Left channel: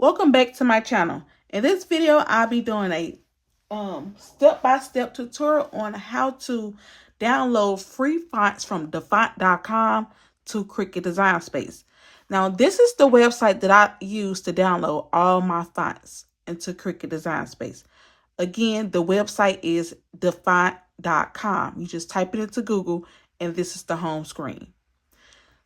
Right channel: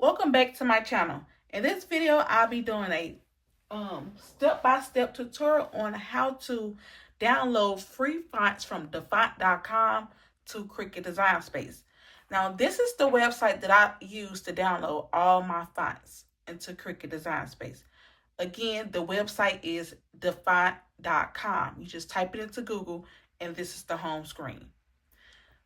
Welcome back to my channel. In this video, I'll be doing a step-by-step tutorial on how to download free fonts from Dafont.com to Cricut Design Space. Now, this is the website that I use to download all my fonts into Cricut Design Space. Again, the website is Dafont.com. You just type it into Google, and this is the home screen.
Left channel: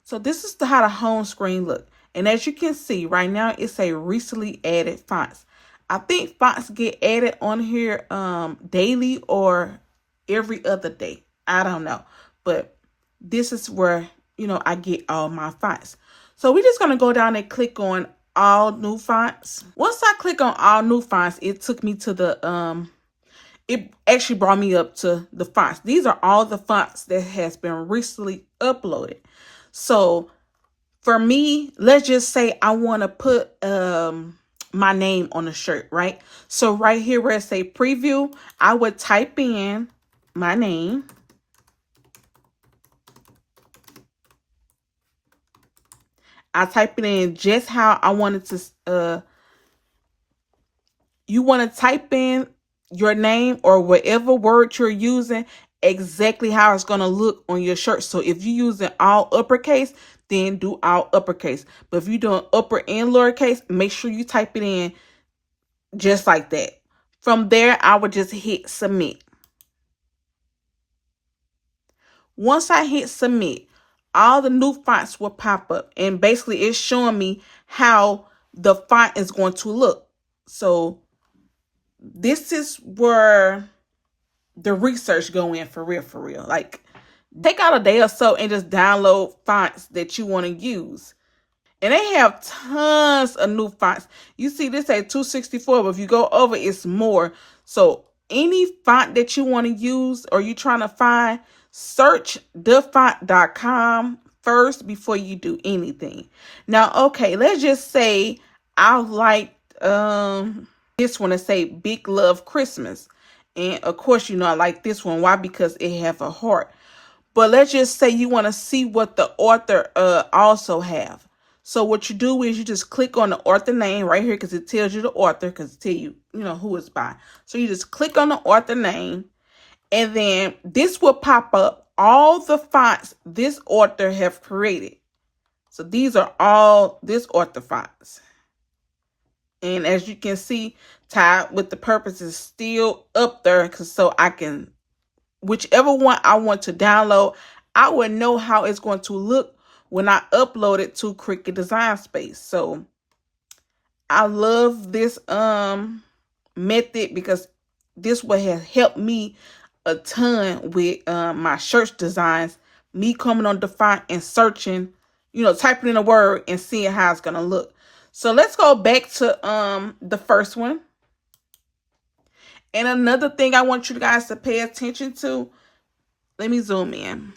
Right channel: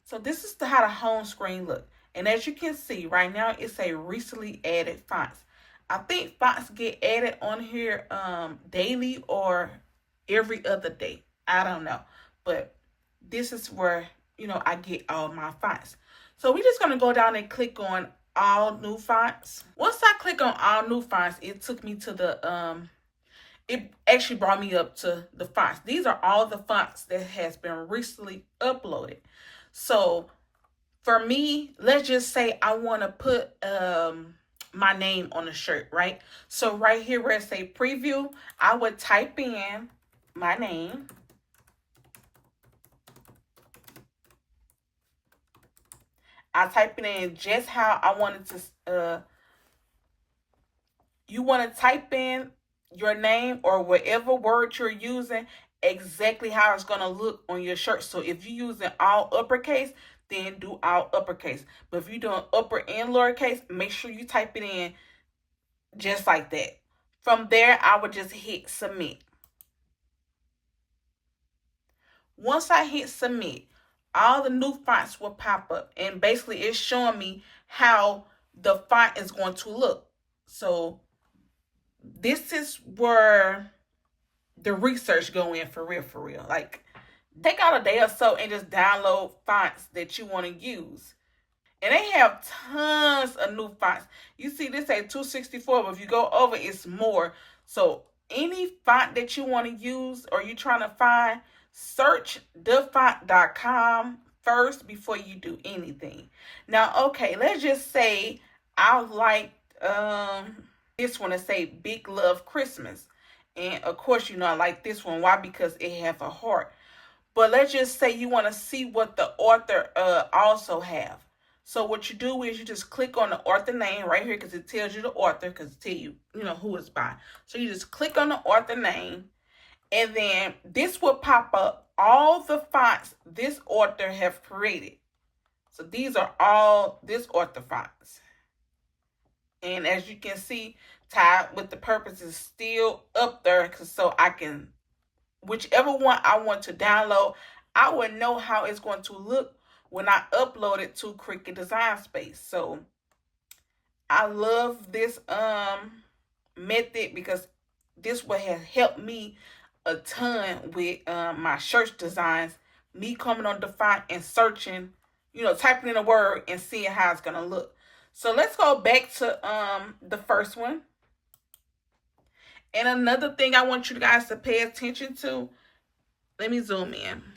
So this is how the home screen look. And as you can see right now, it's a recently added fonts. I think fonts get added on here daily or every other day. I don't know. But this is where, I get all my fonts. So we're just going to go down and click on all new fonts. Once I click on all new fonts, it took me to the it actually brought me up to the fonts. These are all the fonts that has been recently uploaded. So for me, let's just say I want to put my name on a shirt, right? So right here where it say preview, I would type in my name. I type it in just how I wanted to. You want to type in your name or whatever word you're using, exactly how it's going to look on your shirt. So if you're using all uppercase, then do all uppercase. But if you're doing upper and lowercase, make sure you type it in just like that. From there, I would just hit submit. Once I hit submit, all the new fonts will pop up. And basically, it's showing me how the font is going to look. So this is where the research go in for real. Like, take out a day or so and just download fonts that you want to use. And they have tons of new fonts. You see this at 264, but if you go over, it's more. So any font that you want to use or you're trying to find, search Dafont.com first before you do anything. Now, okay, let's just say I like this one to say Big Love Christmas. And of course, I like this one. Why? Because it have a heart. But let's just say you want to see what the author also have. So what you do is you just click on the author name right here because it tells you the author, because it tells you, who it's by. So you just click on the author name, and then this will pop up all the fonts this author have created. So these are all this author fonts. And as you can see, Tied with the Purpose is still up there, so I can, whichever one I want to download, I would know how it's going to look when I upload it to Cricut Design Space. So I love this method because this will have helped me a ton with my shirt designs. Me coming on Dafont and searching, typing in a word and seeing how it's gonna look. So let's go back to the first one. And another thing I want you guys to pay attention to, let me zoom in.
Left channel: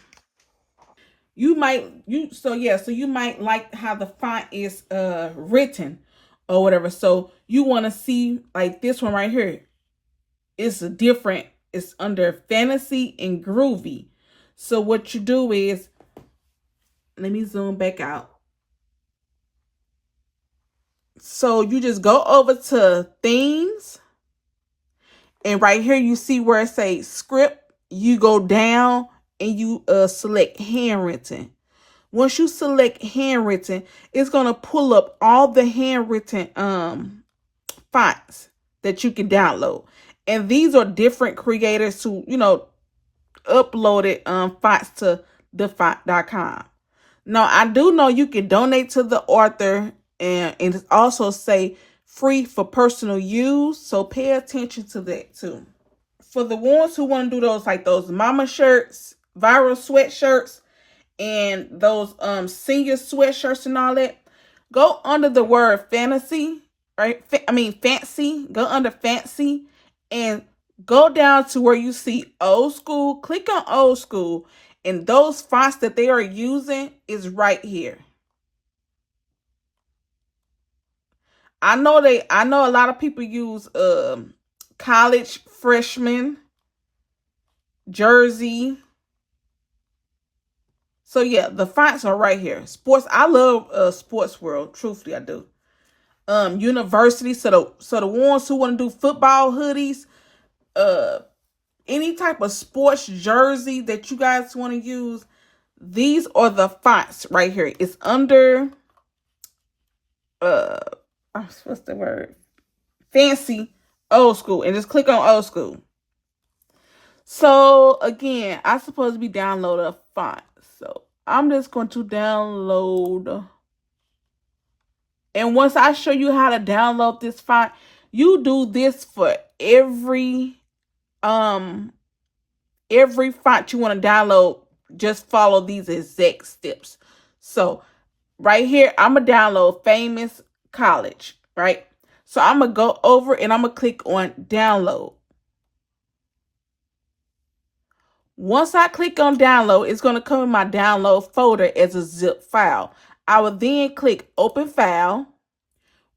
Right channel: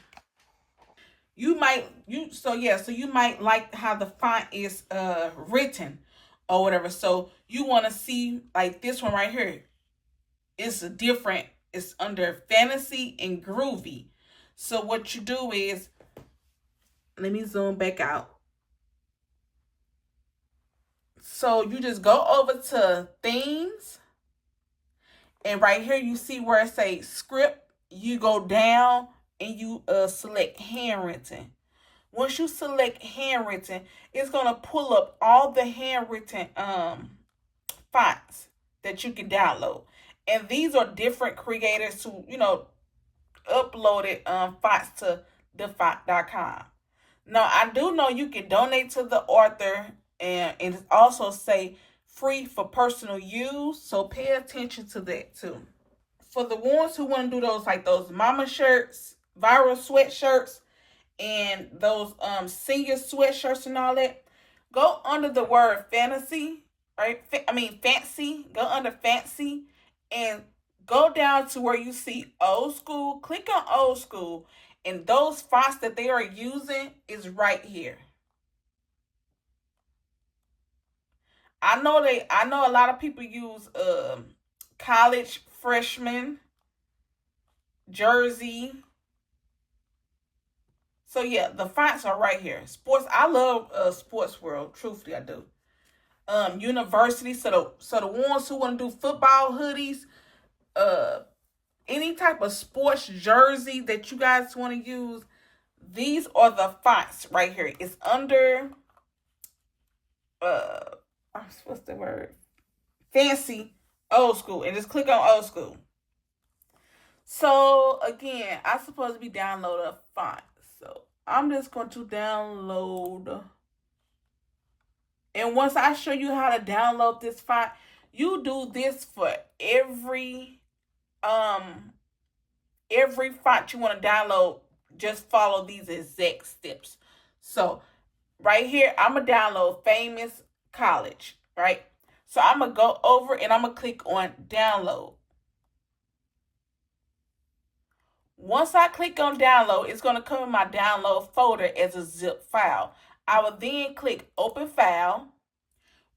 You might like how the font is written or whatever. So you want to see like this one right here. It's different. It's under fantasy and groovy. So what you do is, let me zoom back out. So you just go over to themes, and right here you see where it says script. You go down and you select handwritten. Once you select handwritten, it's going to pull up all the handwritten fonts that you can download. And these are different creators who, uploaded fonts to Dafont.com. Now, I do know you can donate to the author, and it also say free for personal use. So pay attention to that too. For the ones who want to do those, like those mama shirts, viral sweatshirts, and those senior sweatshirts and all that, go under the word fantasy, right? Fancy. Go under fancy and go down to where you see old school. Click on old school, and those fonts that they are using is right here. I know a lot of people use college freshman, Jersey. So yeah, the fonts are right here. Sports, I love Sports World. Truthfully, I do. university. So the ones who want to do football hoodies, any type of sports jersey that you guys want to use, these are the fonts right here. It's under what's the word? Fancy old school, and just click on old school. So again, I'm supposed to be downloading a font. So I'm just going to download. And once I show you how to download this font, you do this for every font you want to download. Just follow these exact steps. So right here, I'm going to download Famous College, right? So I'm going to go over and I'm going to click on download. Once I click on download, it's going to come in my download folder as a zip file. I will then click open file.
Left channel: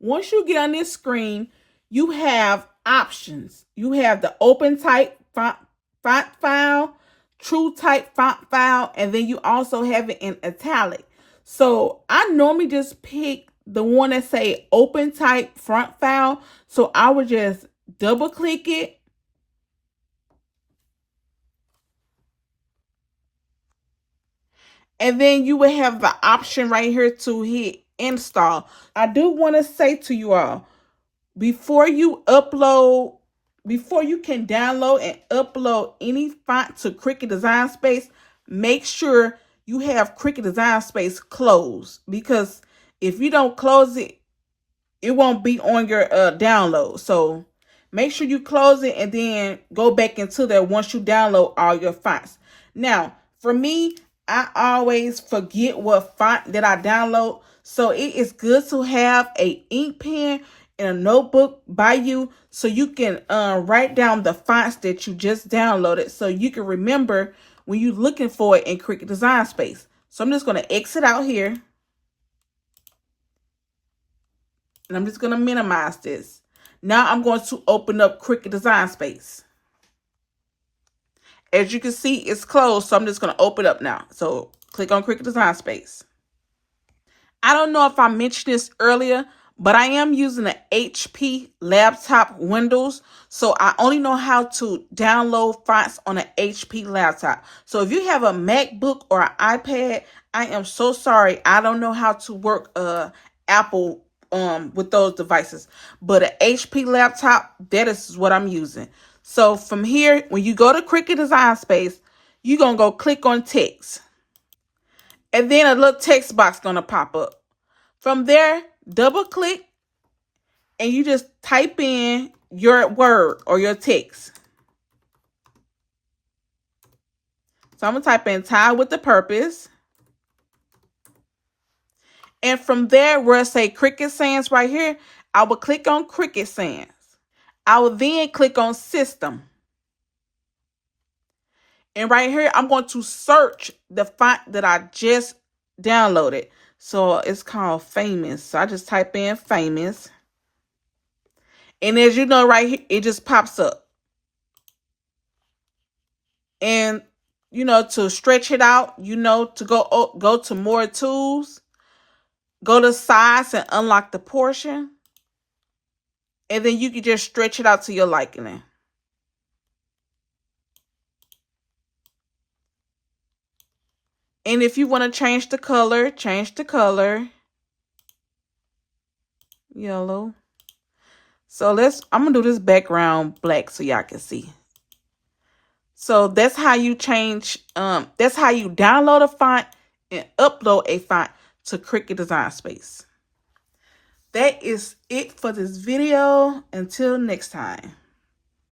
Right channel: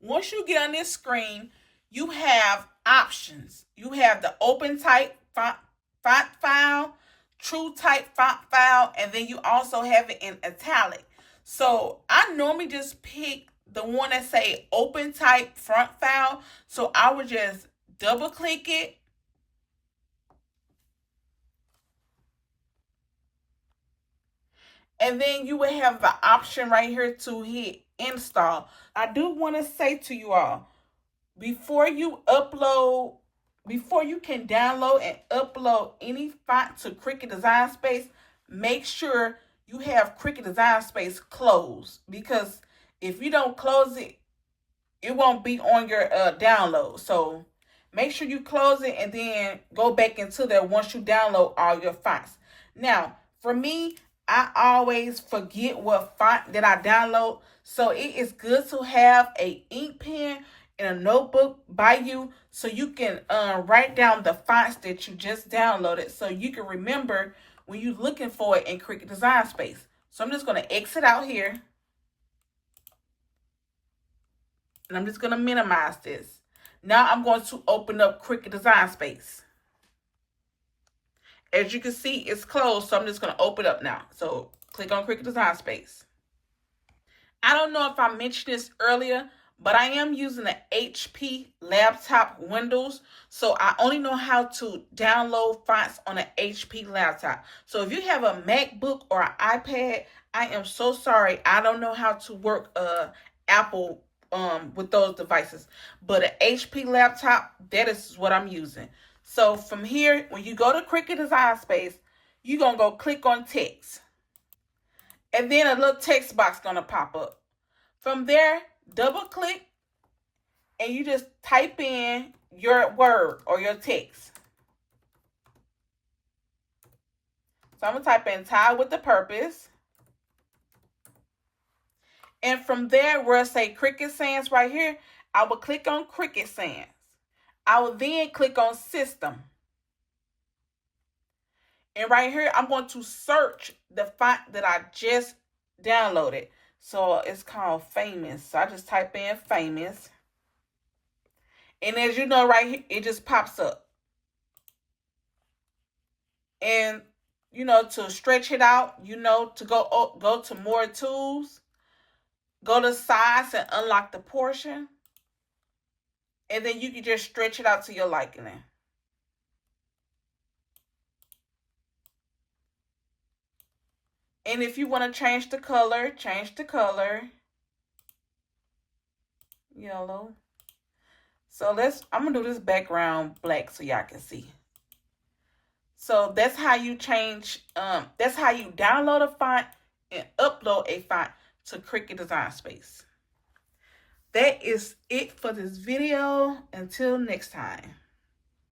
Once you get on this screen, you have options. You have the open type font file, true type font file, and then you also have it in italic. So I normally just pick the one that say open type font file. So I would just double click it. And then you will have the option right here to hit install. I do want to say to you all, before you can download and upload any font to Cricut Design Space, make sure you have Cricut Design Space closed. Because if you don't close it, it won't be on your download. So make sure you close it and then go back into there once you download all your fonts. Now, for me, I always forget what font that I download. So it is good to have a ink pen and a notebook by you so you can write down the fonts that you just downloaded so you can remember when you're looking for it in Cricut Design Space. So I'm just going to exit out here. And I'm just going to minimize this. Now I'm going to open up Cricut Design Space. As you can see, it's closed, so I'm just going to open up now. So click on Cricut Design Space. I don't know if I mentioned this earlier, but I am using an HP laptop Windows. So I only know how to download fonts on an HP laptop. So if you have a MacBook or an iPad, I am so sorry. I don't know how to work Apple with those devices. But an HP laptop, that is what I'm using. So from here, when you go to Cricut Design Space, you're going to go click on text. And then a little text box going to pop up. From there, double click and you just type in your word or your text. So I'm going to type in tie with the purpose. And from there, where it say Cricut Sans right here, I will click on Cricut Sans. I will then click on System. And right here, I'm going to search the font that I just downloaded. So it's called Famous. So I just type in Famous. And as you know, right here, it just pops up. And, you know, to stretch it out, you know, to go to more tools, go to size and unlock the portion. And then you can just stretch it out to your liking. And if you want to change the color, yellow. So I'm going to do this background black so y'all can see. So that's how you change, that's how you download a font and upload a font to Cricut Design Space. That is it for this video. Until next time.